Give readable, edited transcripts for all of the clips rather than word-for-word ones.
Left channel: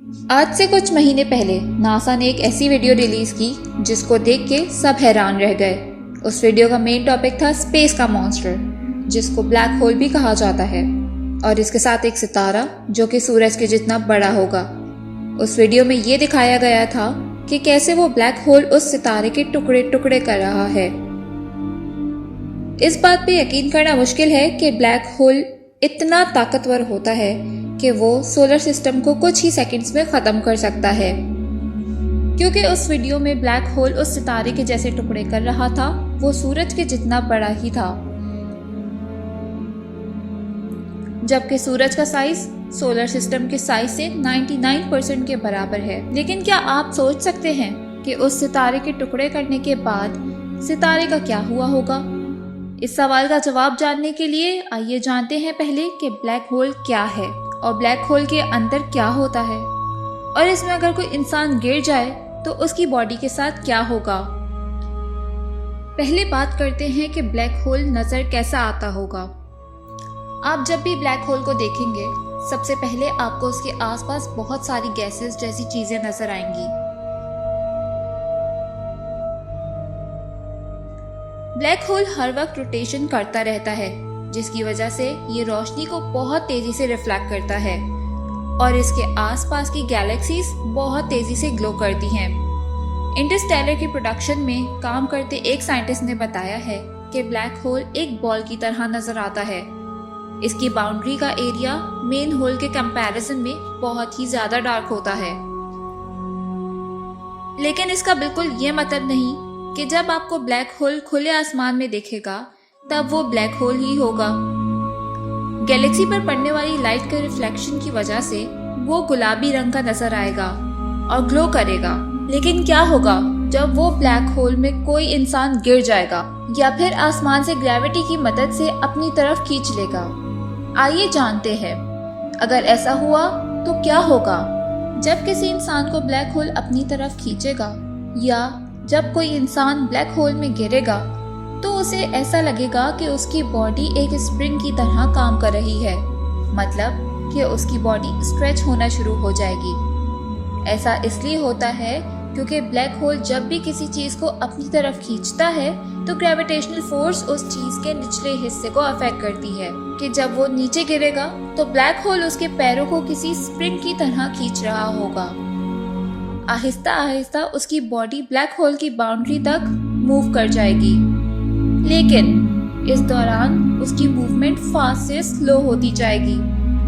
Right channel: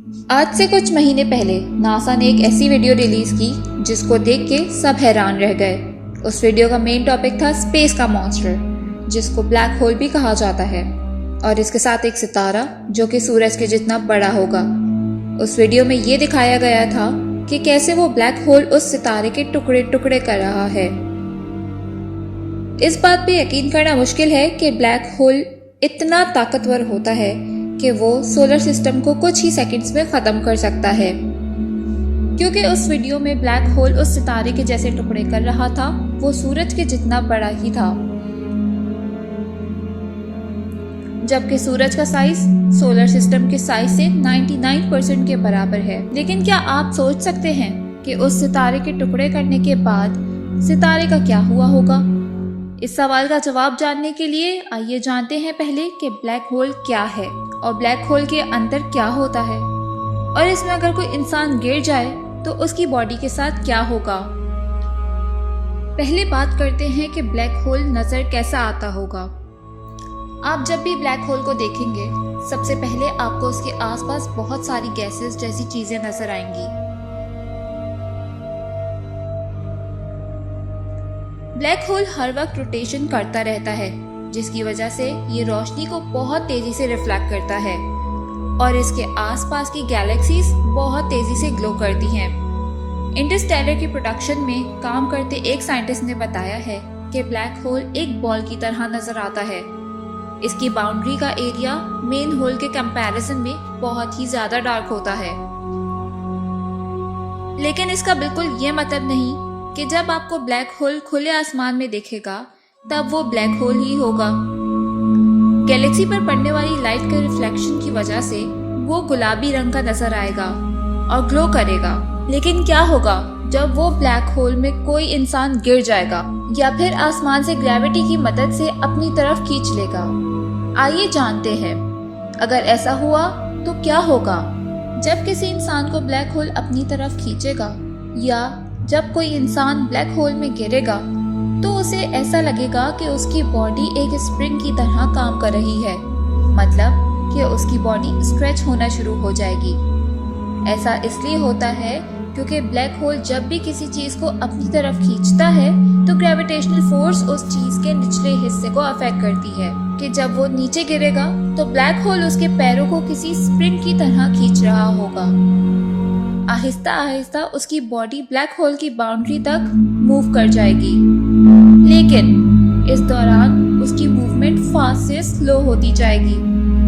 आज से कुछ महीने पहले नासा ने एक ऐसी वीडियो रिलीज की जिसको देख के सब हैरान रह गए। उस वीडियो का मेन टॉपिक था स्पेस का मॉन्स्टर, जिसको ब्लैक होल भी कहा जाता है, और इसके साथ एक सितारा जो कि सूरज के जितना बड़ा होगा। उस वीडियो में ये दिखाया गया था कि कैसे वो ब्लैक होल उस सितारे के टुकड़े टुकड़े कर रहा है। इस बात पे यकीन करना मुश्किल है कि ब्लैक होल इतना ताकतवर होता है कि वो सोलर सिस्टम को कुछ ही सेकंड्स में खत्म कर सकता है। क्योंकि उस वीडियो में ब्लैक होल उस सितारे के जैसे टुकड़े कर रहा था, वो सूरज के जितना बड़ा ही था, जबकि सूरज का साइज सोलर सिस्टम के साइज से 99% के बराबर है। लेकिन क्या आप सोच सकते हैं कि उस सितारे के टुकड़े करने के बाद सितारे का क्या हुआ होगा? इस सवाल का जवाब जानने के लिए आइए जानते हैं पहले कि ब्लैक होल क्या है और ब्लैक होल के अंदर क्या होता है, और इसमें अगर कोई इंसान गिर जाए तो उसकी बॉडी के साथ क्या होगा। पहले बात करते हैं कि ब्लैक होल नजर कैसा आता होगा। आप जब भी ब्लैक होल को देखेंगे, सबसे पहले आपको उसके आसपास बहुत सारी गैसेस जैसी चीजें नजर आएंगी। ब्लैक होल हर वक्त रोटेशन करता रहता है, जिसकी वजह से ये रोशनी को बहुत तेजी से रिफ्लेक्ट करता है और इसके आसपास की गैलेक्सीज बहुत तेजी से ग्लो करती हैं। इंटरस्टेलर की प्रोडक्शन में काम करते एक साइंटिस्ट ने बताया है कि ब्लैक होल एक बॉल की तरह नजर आता है। इसकी बाउंड्री का एरिया मेन होल के कंपैरिजन में बहुत ही ज्यादा डार्क होता है। लेकिन इसका बिल्कुल ये मतलब नहीं कि जब आपको ब्लैक होल खुले आसमान में दिखेगा तब वो ब्लैक होल ही होगा। गैलेक्सी पर पड़ने वाली लाइट के रिफ्लेक्शन की वजह से वो गुलाबी रंग का नजर आएगा और ग्लो करेगा। लेकिन क्या होगा जब वो ब्लैक होल में कोई इंसान गिर जाएगा या फिर आसमान से ग्रेविटी की मदद से अपनी तरफ खींच लेगा? आइए जानते हैं। अगर ऐसा हुआ तो क्या होगा? जब किसी इंसान को ब्लैक होल अपनी तरफ खींचेगा या जब कोई इंसान ब्लैक होल में गिरेगा तो उसे ऐसा लगेगा कि उसकी बॉडी एक स्प्रिंग की तरह काम कर रही है, मतलब कि उसकी बॉडी स्ट्रेच होना शुरू हो जाएगी। ऐसा इसलिए होता है क्योंकि ब्लैक होल जब भी किसी चीज को अपनी तरफ खींचता है तो ग्रेविटेशनल फोर्स उस चीज के निचले हिस्से को अफेक्ट करती है कि जब वो नीचे गिरेगा तो ब्लैक होल उसके पैरों को किसी स्प्रिंग की तरह खींच रहा होगा। आहिस्ता आहिस्ता उसकी बॉडी ब्लैक होल की बाउंड्री तक मूव कर जाएगी, लेकिन इस दौरान उसकी मूवमेंट फास्ट से स्लो होती जाएगी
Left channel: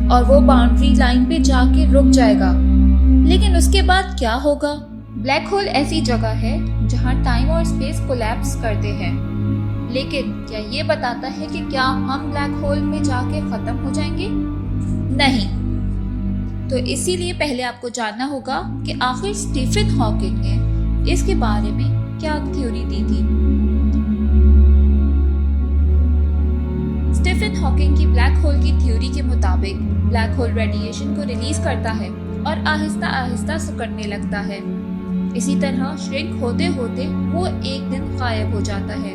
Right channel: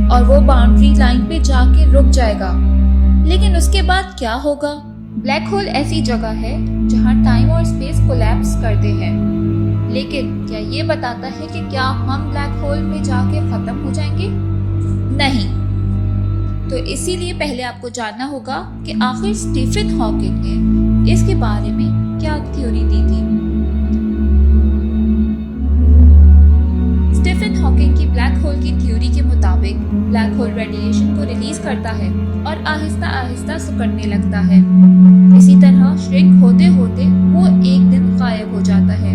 और वो बाउंड्री लाइन पे जाके रुक जाएगा। लेकिन उसके बाद क्या होगा? ब्लैक होल ऐसी जगह है जहाँ टाइम और स्पेस कोलैप्स करते हैं, लेकिन क्या ये बताता है कि क्या हम ब्लैक होल में जाके खत्म हो जाएंगे? नहीं। तो इसीलिए पहले आपको जानना होगा कि आखिर स्टीफन हॉकिंग ने इसके बारे में क्या थ्योरी दी थी। स्टीफन हॉकिंग की ब्लैक होल की थ्योरी के मुताबिक ब्लैक होल रेडिएशन को रिलीज करता है और आहिस्ता आहिस्ता सिकुड़ने लगता है। इसी तरह श्रिंक होते होते वो एक दिन गायब हो जाता है,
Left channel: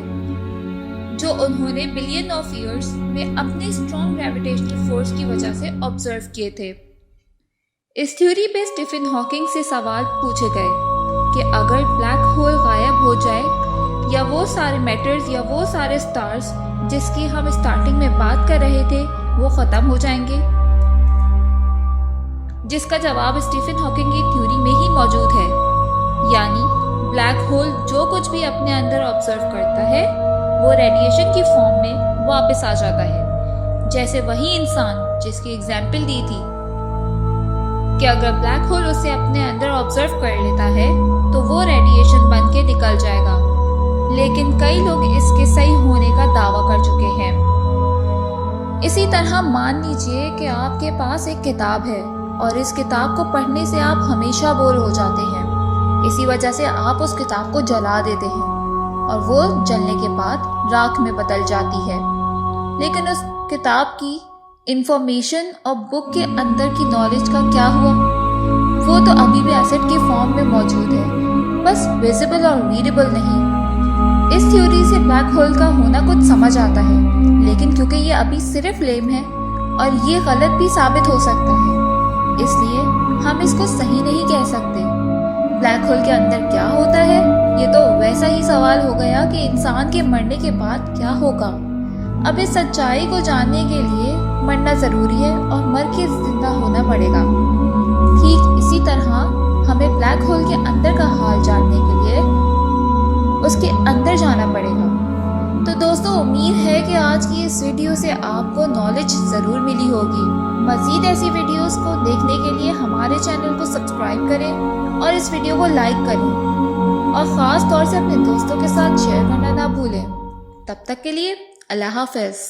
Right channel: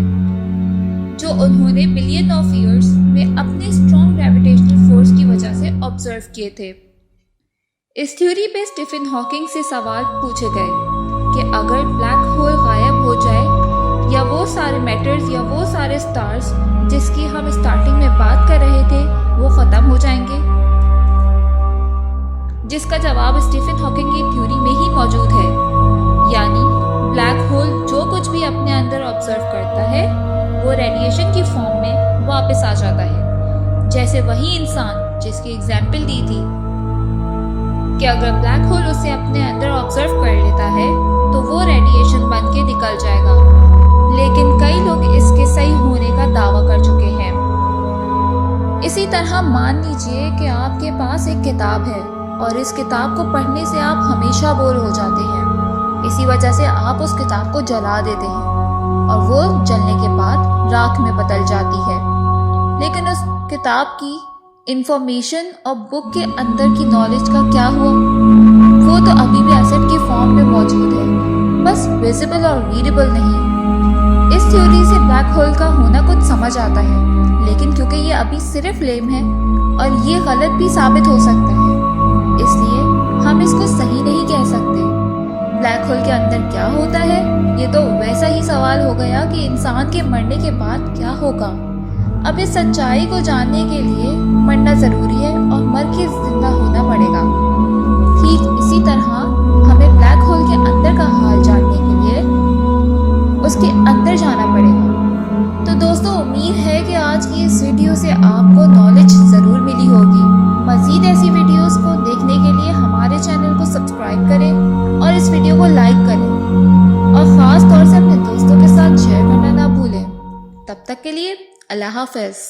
जो उन्होंने बिलियन ऑफ ईयर्स में अपने स्ट्रॉन्ग ग्रेविटेशनल फोर्स की वजह से ऑब्जर्व किए थे। इस थ्योरी पे स्टीफन हॉकिंग से सवाल पूछे गए कि अगर ब्लैक होल गायब हो जाए या वो सारे मैटर्स या वो सारे स्टार्स जिसकी हम स्टार्टिंग में बात कर रहे थे वो खत्म हो जाएंगे, जिसका जवाब स्टीफन हॉकिंग की थ्योरी में ही मौजूद है। यानी ब्लैक होल जो कुछ भी अपने अंदर ऑब्जर्व करता है वो रेडिएशन की फॉर्म में वापस आ जाता है। जैसे वही इंसान जिसकी एग्जाम्पल दी थी कि अगर ब्लैक होल उसे अपने अंदर ऑब्जर्व कर लेता है तो वो रेडिएशन बन के निकल जाएगा। लेकिन कई लोग इसके सही होने का दावा कर चुके हैं। इसी तरह मान लीजिए कि आपके पास एक किताब है और इस किताब को पढ़ने से आप हमेशा बोर हो जाते हैं। इसी वजह से आप उस किताब को जला देते हैं और वो जलने के बाद राख में बदल जाती है। लेकिन उस किताब की इंफॉर्मेशन और बुक के अंदर की नॉलेज का क्या हुआ? वो तो अभी भी एसिड की फॉर्म में मौजूद है, बस विजिबल और रीडेबल नहीं। इस थ्योरी से ब्लैक होल का होना कुछ समझ आता है, लेकिन क्योंकि ये अभी सिर्फ लेम है और ये गलत भी साबित हो सकता है, इसलिए हम इसको सही नहीं कह सकते। ब्लैक होल के अंदर क्या होता है, ये तो वैसा ही सवाल हो गया कि इंसान के मरने के बाद क्या होगा। अब इस सच्चाई को जानने के लिए मरना जरूरी है और मर के जिंदा होना पड़ेगा। ठीक इसी तरह हमें ब्लैक होल के अंदर का हाल जानने के लिए उसके अंदर जाना पड़ेगा। तो दोस्तों, उम्मीद है कि आज की इस वीडियो से आपको नॉलेज ज़रूर मिली होगी। मज़ीद ऐसी वीडियोस को देखने के लिए हमारे चैनल को सब्सक्राइब करें और इस वीडियो को लाइक करें और ख़ास तौर से अपने दोस्तों के साथ शेयर करना ना भूलें। तब तक के लिए अल्लाह हाफ़िज़।